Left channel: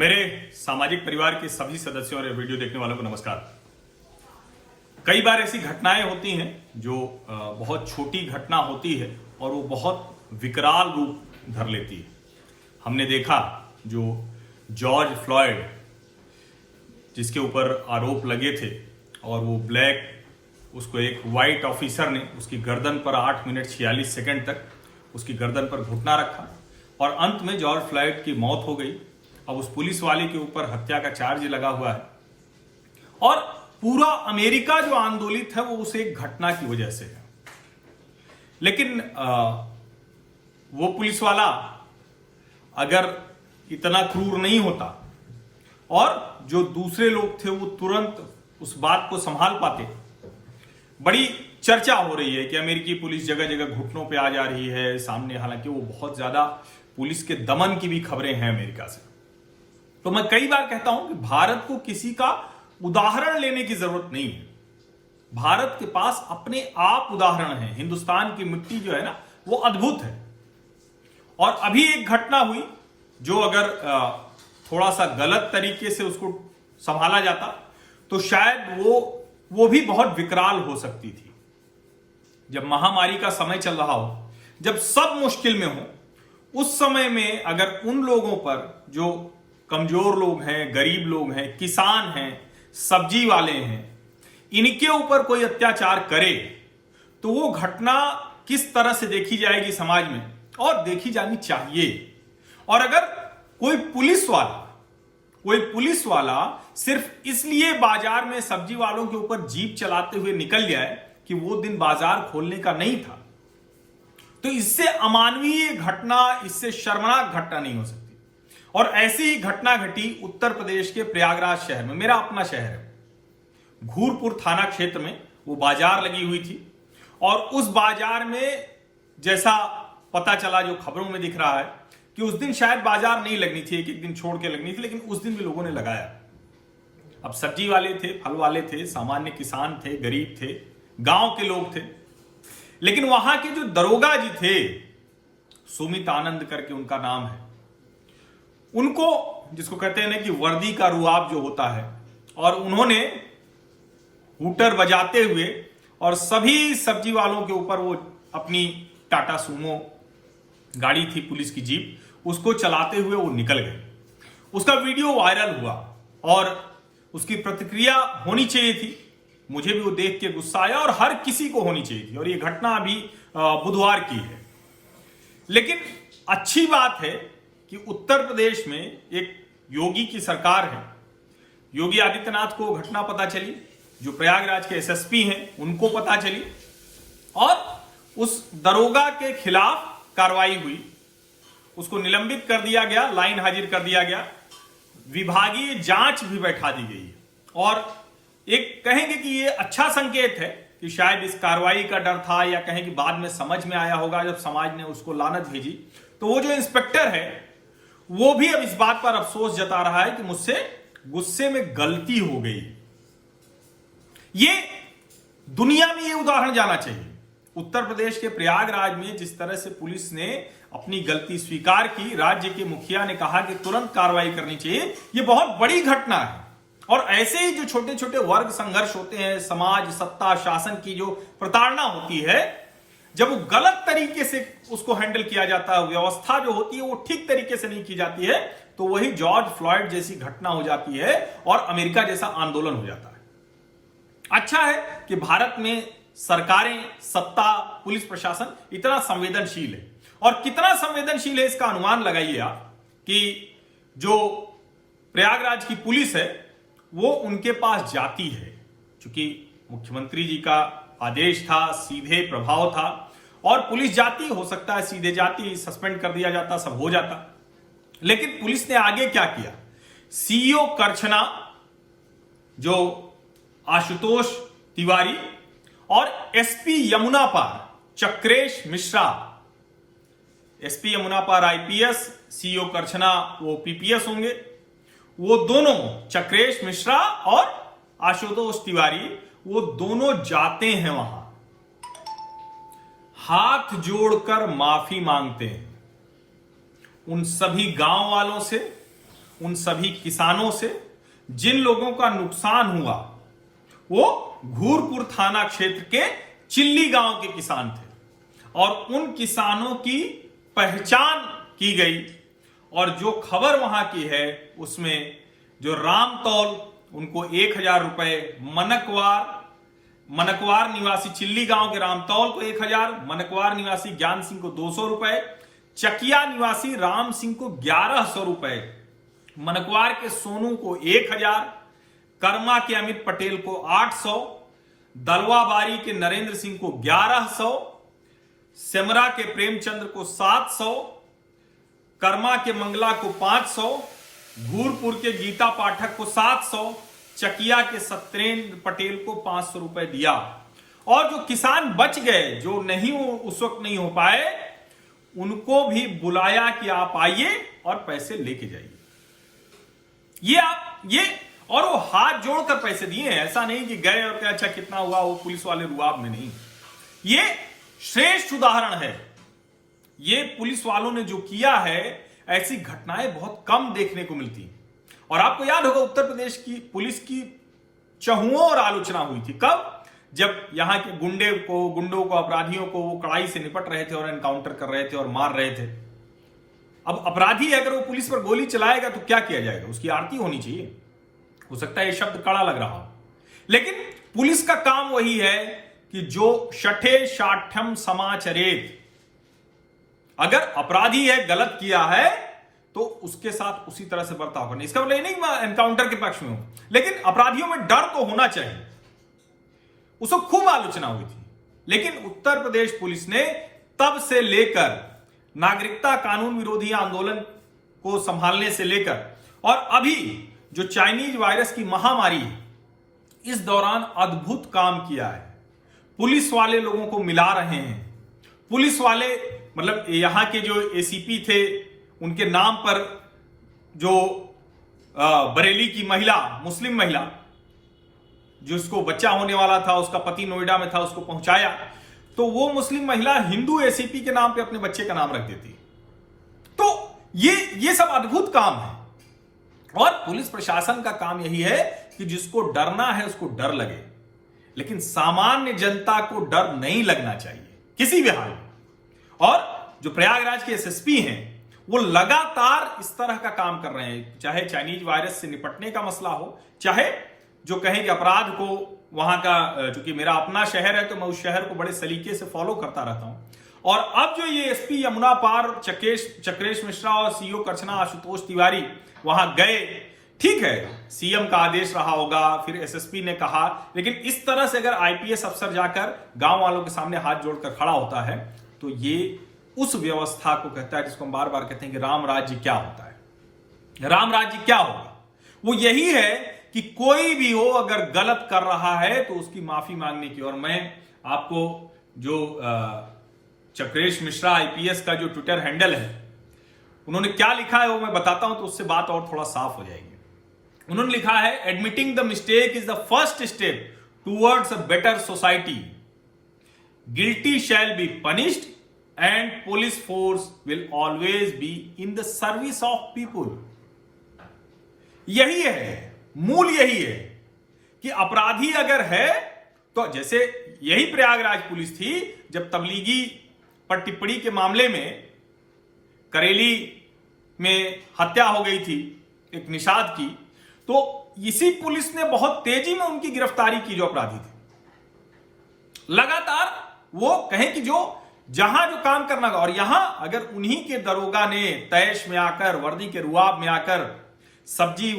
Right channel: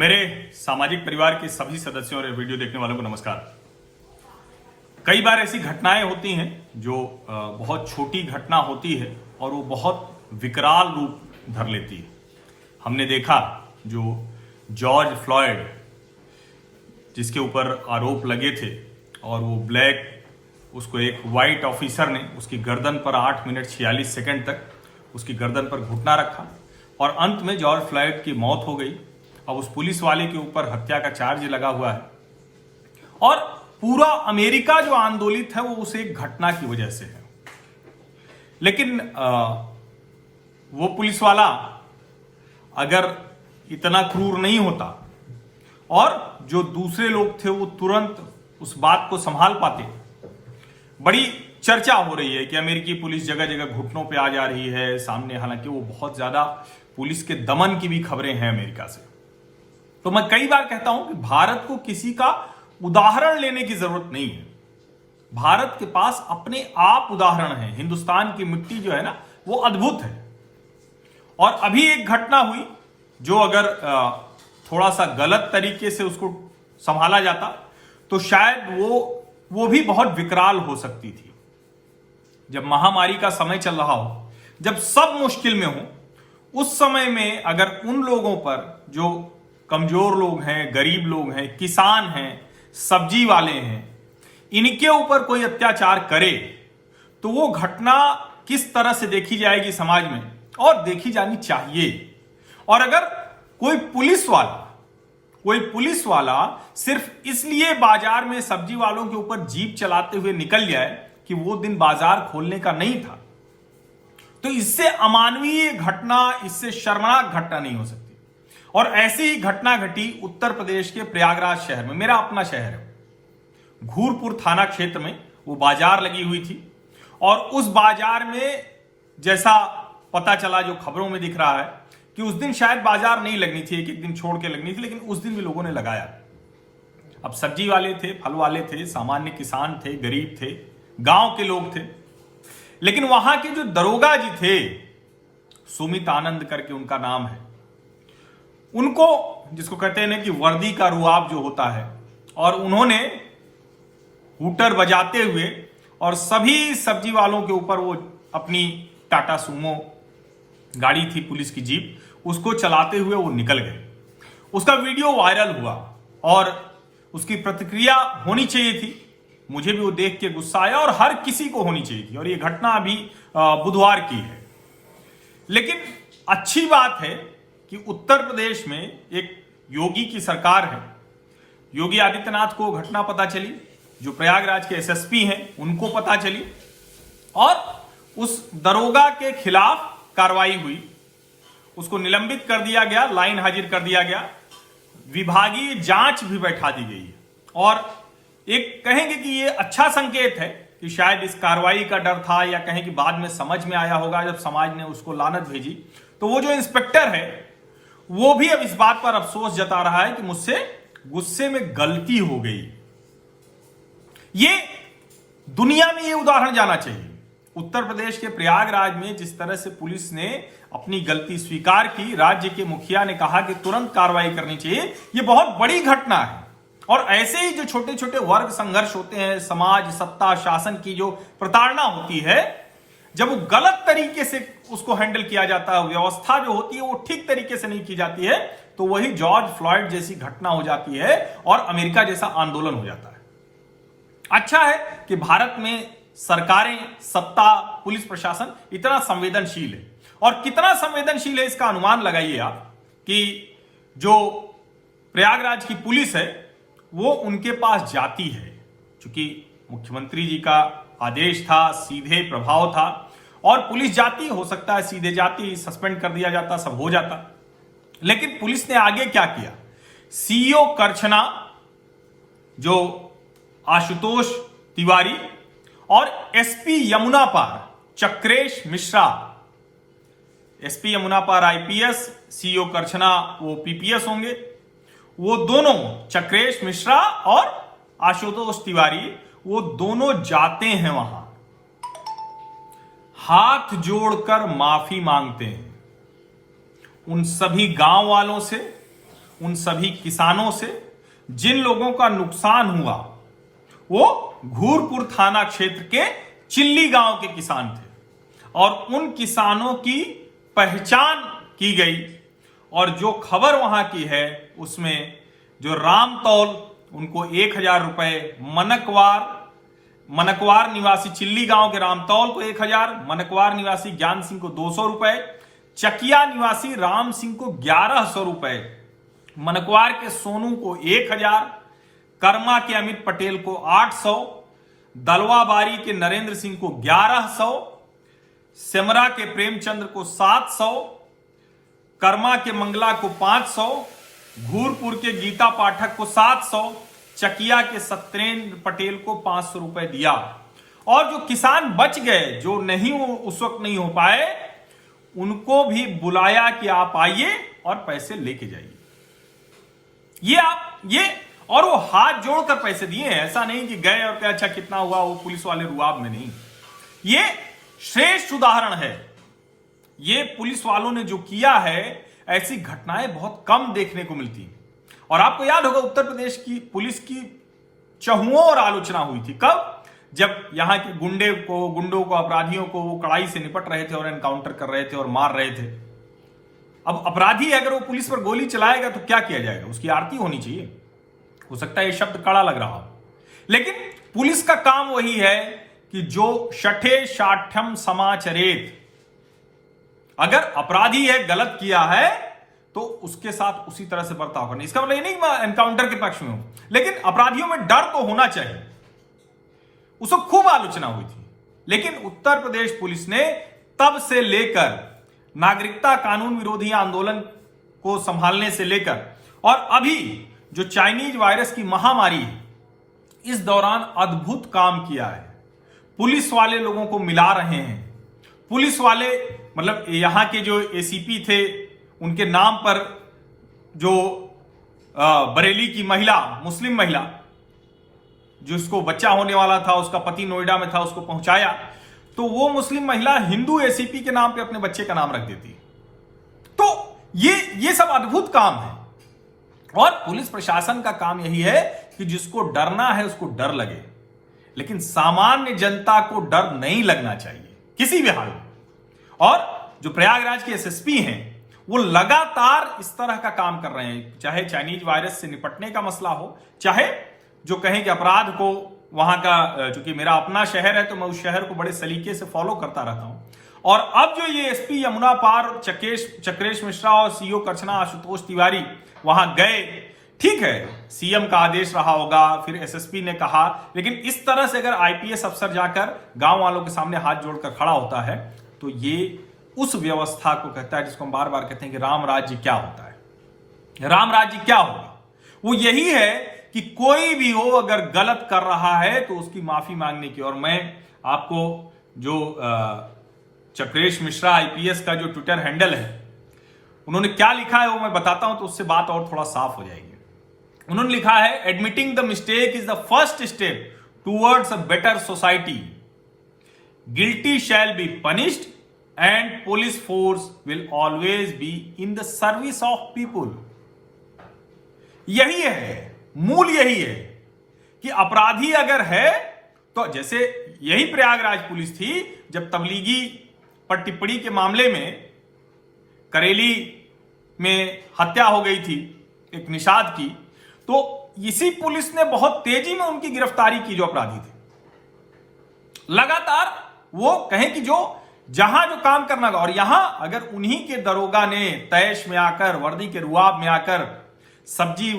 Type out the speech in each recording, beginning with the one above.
मेरे सामाजिक परिवार के सभी सदस्यों और वीडियो देखने वालों को नमस्कार। कई बार ऐसी घटनाएं होती हैं जो बहुत छोटी घटना होती है और वो बहुत विकराल रूप धर लेती है। हमने देखा जो जॉर्ज फ्लॉयड जिसके ऊपर आरोप लगे थे और वो ब्लैक उसको एक वाइट ऑफिसर ने उसकी गर्दन पर 8 मिनट 46 सेकंड तक उसकी गर्दन पर घुटना रखा और अंत में जॉर्ज फ्लॉयड की मौत हो गई। अब उस पुलिस वाले के ऊपर हत्या का चार्ज लगा हुआ है और पूरा अमेरिका जो आंदोलित है वो उस एक घटना की वजह से है। लेकिन वो पुलिस वाला अगर इतना क्रूर नहीं होता और जो दूसरे लोग थे वो तुरंत उस बात को संभाल पाते। बड़ी चर्चा हो रही है कि अमेरिकी पुलिस जगह जगह घुटनों पे आ जा रही है सामने, हालांकि वो बहुत ज्यादा पुलिस के दमन की भी खबरें हैं अमेरिका से। तो मैं कई बार कहता हूं कि भारत को किसी का उदाहरण लेने की जरूरत नहीं है। भारत के पास अपने आप उदाहरण है। हिंदुस्तान की मिट्टी जो है ना वो अद्भुत है। और अभी एक घटना हुई जो अगर थोड़ा सा गलत तरीके से उसको संभाला जाता तो शायद वो भी बहुत विकराल हो सकती थी। जब महामारी का समय चल रहा हो, जब सब मुश्किल में हो, उस समय में अगर उन लोगों पर जो कमजोर लोग हैं, गरीब लोग हैं, किसान हैं, सब्जी वाले हैं, इनके ऊपर कोई अत्याचार करे तो वो घटना किस तरह से देखी जाएगी समाज में और देखी जानी चाहिए। और अगर कोई पुलिस वाला सिर्फ इसलिए बाजार में सब्जी वालों के ऊपर जीप चलाते हुए निकल जाए कि वो दिन बाजार खोलने का नहीं था, तो इससे अमानवीय घटना, इससे शर्मनाक घटना नहीं हो सकती। और ऐसी ही घटना घटी उत्तर प्रदेश के प्रयागराज शहर में। मेरा अपना शहर है। घूरपुर थाना क्षेत्र में वो बाजार लगी हुई थी और उस बाजार में जैसा पता चला, जो खबरों में दिख रहा है कि उस दिन शायद बाजार नहीं लगनी थी, एक दिन छोड़ के लगनी थी, लेकिन उस दिन भी लोगों ने लगाया। अब सब्जी वाले थे, फल वाले थे, सामान्य किसान थे, गरीब थे, गांव के लोग थे। लेकिन वहां के जो दरोगा जी थे, सुमित आनंद करके उनका नाम है, उनको, जिसको कहते हैं ना कि वर्दी का रुआब जो होता है, और उन्होंने हूटर बजाते हुए और सभी सब्जी वालों के ऊपर वो अपनी टाटा सुमो गाड़ी थी, पुलिस की जीप, उसको चलाते हुए वो निकल गए। उसका वीडियो वायरल हुआ और उसकी प्रतिक्रिया होनी चाहिए थी। मुझे भी वो देख के गुस्सा आया और हर किसी को होनी चाहिए थी। और ये घटना अभी बुधवार की है। लेकिन अच्छी बात है कि उत्तर प्रदेश में एक योगी की सरकार है। योगी आदित्यनाथ को घटना पता चली, जो प्रयागराज के एसएसपी हैं उनको पता चली और उस दरोगा के खिलाफ कार्रवाई हुई। उसको निलंबित कर दिया गया, लाइन हाजिर कर दिया गया, विभागीय जांच भी बैठा दी गई है। और एक कहेंगे कि ये अच्छा संकेत है कि शायद इस कार्रवाई का डर था, या कहें कि बाद में समझ में आया होगा जब समाज ने उसको लानत भेजी। तो वो जो इंस्पेक्टर है वो भी अब इस बात पर अफसोस जता रहा है कि मुझसे गुस्से में गलती हो गई। ये दुनिया में ये उदाहरण जाना चाहिए। उत्तर प्रदेश के प्रयागराज में जिस तरह से पुलिस ने अपनी गलती स्वीकार की, राज्य के मुखिया ने कहा कि तुरंत कार्रवाई करनी चाहिए, ये बहुत बड़ी घटना है। और ऐसे ही जो छोटे छोटे वर्ग संघर्ष होते हैं, समाज, सत्ता, शासन की जो प्रताड़ना होती है, जब वो गलत तरीके से उसको हैंडल किया जाता है, व्यवस्था जो होती है वो ठीक तरीके से नहीं की जाती है, तो वही जॉर्ज फ्लॉयड जैसी घटना हो जाती है और अमेरिका जैसा आंदोलन हो जाता है। अच्छा है कि भारत में सरकारें, सत्ता, पुलिस प्रशासन इतना संवेदनशील है। और कितना संवेदनशील है इसका अनुमान लगाइए आप कि जो प्रयागराज की पुलिस है वो उनके पास जाती है, क्योंकि मुख्यमंत्री जी का आदेश था, सीधे प्रभाव था, और पुलिस जाती, हो सकता है सीधे जाती, सस्पेंड कर दिया जाता, सब हो जाता। लेकिन पुलिस ने आगे क्या किया? सीईओ करछना, जो आशुतोष तिवारी, और एसपी यमुना पार चक्रेश मिश्रा, एसपी यमुना पार आईपीएस, सीईओ करछना वो पीपीएस होंगे, वो दोनों चक्रेश मिश्रा और आशुतोष तिवारी, वो दोनों जाते हैं वहां, हाथ जोड़कर माफी मांगते हैं उन सभी गांव वालों से, उन सभी किसानों से जिन लोगों का नुकसान हुआ वो घूरपुर थाना क्षेत्र के चिल्ली गांव के किसान थे और उन किसानों की पहचान की गई। और जो खबर वहां की है उसमें जो रामतौल उनको 1000 रुपए, मनकवार निवासी चिल्ली गांव के रामतौल को 1000, मनकवार निवासी ज्ञान सिंह को 200 रुपए, चकिया निवासी राम सिंह को 1100 रुपए, मनकवार के सोनू को 1000, कर्मा के अमित पटेल को 800, दलवाबारी के नरेंद्र सिंह को 1100, सेमरा के प्रेमचंद्र को 700, कर्मा के मंगला को 500, घूरपुर के गीता पाठक को 700, चकिया के सत्येंद्र पटेल को 500 रुपए दिया। और जो किसान बच गए, जो नहीं उस वक्त नहीं हो पाए, उनको भी बुलाया कि आप आइए और पैसे लेके जाइए। ये और वो हाथ जोड़कर पैसे दिए हैं, ऐसा नहीं कि गए और क्या अच्छा कितना हुआ, वो पुलिस वाले रुआब में नहीं। ये श्रेष्ठ उदाहरण है। ये पुलिस वालों ने जो किया है, ऐसी घटनाएं बहुत कम देखने को मिलती। और आपको याद होगा उत्तर प्रदेश की पुलिस की चहुओं आलोचना हुई थी। कब? जब यहां के गुंडों को, अपराधियों को वो कड़ाई से निपट रहे थे और एनकाउंटर कर रहे थे और मार रहे थे। अब अपराधी अगर वो पुलिस पर गोली चलाएगा तो क्या किया जाएगा? उसकी आरती होनी चाहिए। हो सकता है ये शब्द कड़ा लग रहा हो, लेकिन पुलिस का काम वही है कि जो शठे शाठ्यम समाचरेत, अगर अपराधी है, गलत किया है, तो उसके साथ उसी तरह से बर्ताव करना। इसका मतलब नहीं मैं एनकाउंटर के पक्ष में हूं, लेकिन अपराधियों में डर तो होना चाहिए। उसको खूब आलोचना हुई थी, लेकिन उत्तर प्रदेश पुलिस ने तब से लेकर नागरिकता कानून विरोधी आंदोलन को संभालने से लेकर और अभी जो चाइनीज वायरस की महामारी है, इस दौरान अद्भुत काम किया है। पुलिस वाले लोगों को मिला रहे हैं। पुलिस वाले मतलब यहां के जो एसीपी थे, उनके नाम पर जो बरेली की महिला, मुस्लिम महिला, जिसको बच्चा होने वाला था, उसका पति नोएडा में था, उसको पहुंचाया, तो वो मुस्लिम महिला हिंदू एसीपी के नाम पे अपने बच्चे का नाम रख देती। तो ये सब अद्भुत काम है। और पुलिस प्रशासन का काम यही है कि जिसको डरना है उसको डर लगे, लेकिन सामान्य जनता को डर नहीं लगना चाहिए किसी भी हाल में। और जो प्रयागराज के एसएसपी हैं, वो लगातार इस तरह का काम कर रहे हैं, चाहे चाइनीज वायरस से निपटने का मसला हो, चाहे जो कहें कि अपराध को वहां का, चूंकि मेरा अपना शहर है तो मैं उस शहर को बड़े सलीके से फॉलो करता रहता हूं। और अब जो ये एसपी यमुना पार चक्रेश मिश्रा और सीओ करछना आशुतोष तिवारी वहां गए, ठीक है, सीएम का आदेश रहा होगा, फिर एसएसपी ने कहा, लेकिन इस तरह से अगर आईपीएस अफसर जाकर गांव वालों के सामने हाथ जोड़कर खड़ा होता है, तो ये उस व्यवस्था को कहता है जिसको हम बार बार कहते हैं कि राम राज्य क्या होता है। राम राज्य क्या होगा? वो यही है कि कोई भी हो अगर गलत कर रहा है तो उसकी माफी मांगने की। और मैं आपको जो चक्रेश मिश्रा आईपीएस का जो ट्विटर हैंडल है, उन्होंने क्या लिखा है वो मैं बताता हूं, तो उससे बात और थोड़ा साफ हो जाएगी। उन्होंने लिखा है, admitting the mistake is the first step towards a better society, guilty shall be punished and police force will always be in the service of people. यही है, मूल यही है कि अपराधी अगर है तो, जैसे यही प्रयागराज पुलिस थी जब तबलीगी पर टिप्पणी के मामले में करेली में हत्या हो गई थी एक निषाद की, तो इसी पुलिस ने बहुत तेजी में उनकी गिरफ्तारी की जो अपराधी थे। लगातार वो कहें कि जो जहां जो काम करना था, और यहां अगर उन्हीं के दरोगा ने तैश में आकर, वर्दी के रुआब में आकर सब्जी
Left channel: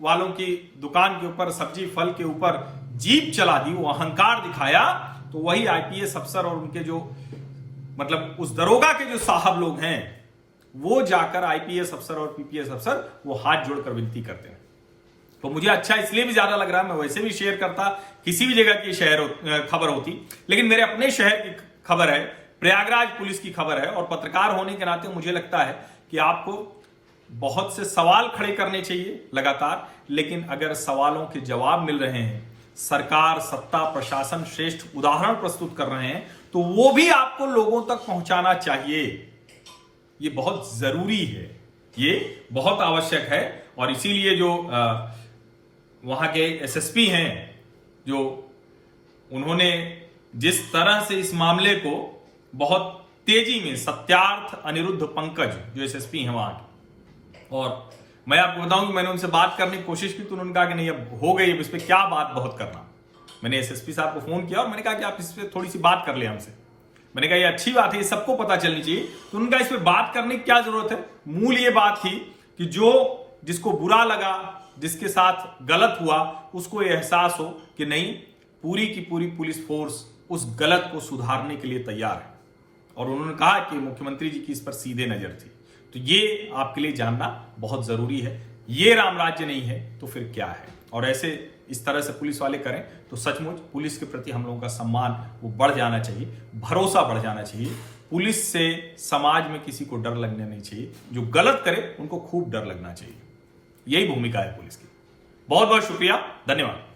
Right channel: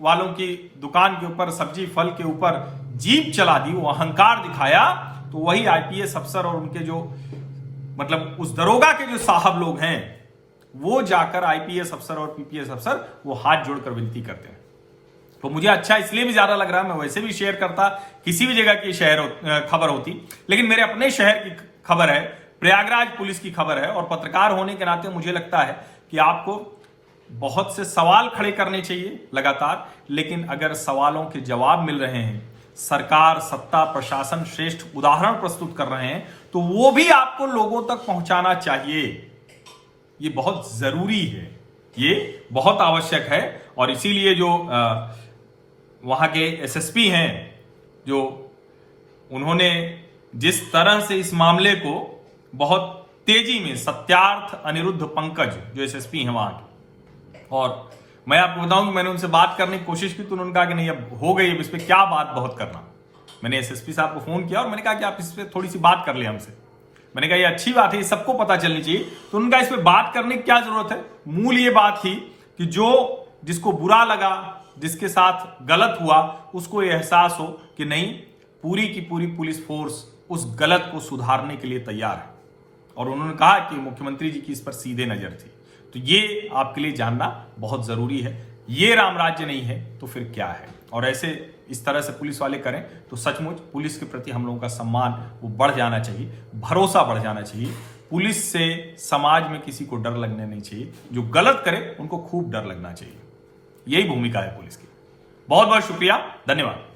वालों की दुकान के ऊपर, सब्जी फल के ऊपर जीप चला दी, वो अहंकार दिखाया, तो वही आईपीएस अफसर और उनके जो मतलब उस दरोगा के जो साहब लोग हैं, वो जाकर आईपीएस अफसर और पीपीएस अफसर वो हाथ जोड़कर विनती करते हैं। तो मुझे अच्छा इसलिए भी ज्यादा लग रहा है, मैं वैसे भी शेयर करता किसी भी जगह की खबर होती, लेकिन मेरे अपने शहर की खबर है, प्रयागराज पुलिस की खबर है, और पत्रकार होने के नाते मुझे लगता है कि आपको बहुत से सवाल खड़े करने चाहिए लगातार, लेकिन अगर सवालों के जवाब मिल रहे हैं, सरकार, सत्ता, प्रशासन श्रेष्ठ उदाहरण प्रस्तुत कर रहे हैं, तो वो भी आपको लोगों तक पहुंचाना चाहिए। ये बहुत जरूरी है, ये बहुत आवश्यक है। और इसीलिए जो वहां के एसएसपी हैं, जो उन्होंने जिस तरह से इस मामले को बहुत तेजी में, सत्यार्थ अनिरुद्ध पंकज जो एसएसपी हैं वहां के, और मैं आपको बताऊं कि मैंने उनसे बात करने की कोशिश की तो उन्होंने कहा कि नहीं, अब हो गई, अब इस पर क्या बात बहुत करना। मैंने एसएसपी साहब को फोन किया और मैंने कहा कि आप इस पर थोड़ी सी बात कर ले हमसे। मैंने कहा ये अच्छी बात है, ये सबको पता चलनी चाहिए। तो उनका इस पर बात करने की क्या जरूरत है। मूल ये बात थी कि जिसको बुरा लगा, जिसके साथ गलत हुआ, उसको ये एहसास हो कि नहीं, पूरी की पूरी पुलिस फोर्स उस गलत को सुधारने के लिए तैयार है। और उन्होंने कहा कि मुख्यमंत्री जी की इस पर सीधे नजर थी। तो ये आपके लिए जानना बहुत जरूरी है। ये राम राज्य नहीं है तो फिर क्या है। और ऐसे इस तरह से पुलिस वाले करें तो सचमुच पुलिस के प्रति हम लोगों का सम्मान वो बढ़ जाना चाहिए, भरोसा बढ़ जाना चाहिए। पुलिस से समाज में किसी को डर लगने नहीं चाहिए। जो गलत करे उनको खूब डर लगना चाहिए। यही भूमिका है पुलिस की। बहुत बहुत शुक्रिया, धन्यवाद।